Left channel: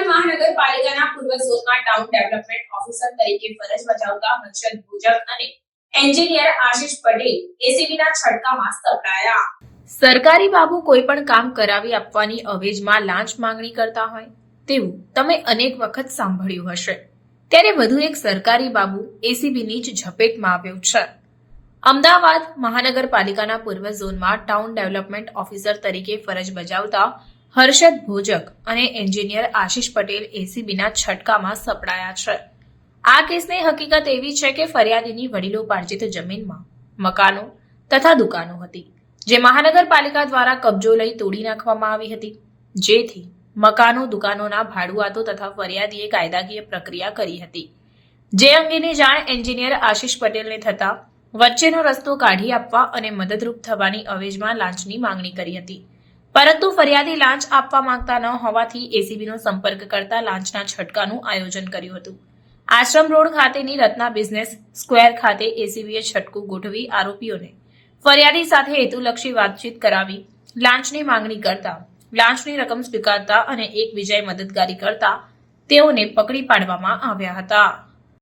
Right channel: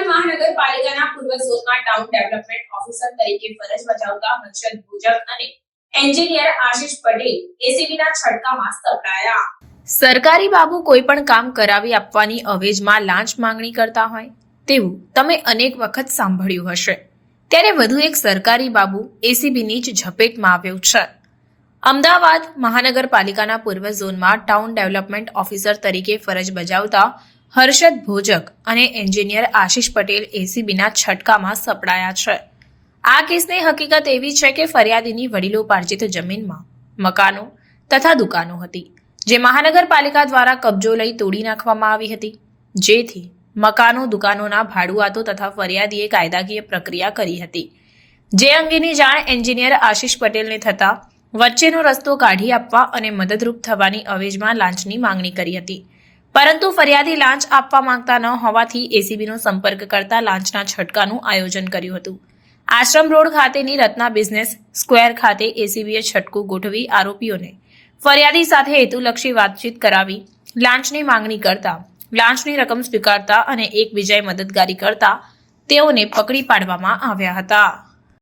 Town development officer તરીકે ફરજ બજાવતા હર્ષદ ભુજક અને એન્જિનિયર આશિષ પટેલ એસીબીના છટકામાં સપડાયા સરકારી બાબુ કોઈ પણ કામ કરાવી આપવાની અવેજમાં લાંચ માંગણી કરતા હોય તેવું તમે અનેક વખત સાંભળ્યું હશે. ત્યારે વધુ એક સરકારી બાબુ એસીબીની જ ઝપેટમાં આવ્યો છે. અમદાવાદ મહાનગરપાલિકાના પૂર્વ ઝોનમાં ટાઉન ડેવલપમેન્ટ ઓફિસર તરીકે ફરજ બજાવતા હર્ષદ ભોજક અને એન્જિનિયર આશિષ પટેલ એસીબીના છટકામાં સપડાયા છે. આ કેસની હકીકત એવી છે કે ફરિયાદીની વડીલોપાર્જિત જમીનમાં, મકાનો તથા દુકાનો હતી, જે મહાનગરપાલિકા દ્વારા કબજો લઈ તોડી નાખવામાં આવી હતી. જેથી મકાનો, દુકાનોના ભાડુઆતો તથા ફરિયાદીએ કાયદાકીય પ્રક્રિયા કરી હતી. જે અંગેની જાણ એન્જિનિયર આશિષ પટેલને થતા વચ્ચેનો રસ્તો કાઢી આપવા અને મદદરૂપ થવાની અવેજમાં લાંચની માંગણી કરી હતી. પરંતુ ફરિયાદી લાંચ આપવા માંગતા ન હોવાથી એસીબીનો સંપર્ક કરતા લાંચના છટકાનું આયોજન કર્યું હતું. આશ્રમ રોડ ખાતેની રત્ના બિઝનેસ સ્ક્વેર ખાતે એસીબીએ છટકું ગોઠવી આરોપીઓને ફરિયાદી સાથે હેતુલક્ષી વાતચીત કરાવી, લાંચની માંગણી કરતા, લાંચની રકમ સ્વીકારતા અને એકબીજાએ મદદગારી કરતા તેઓને પકડી પાડવામાં આવ્યા હતા.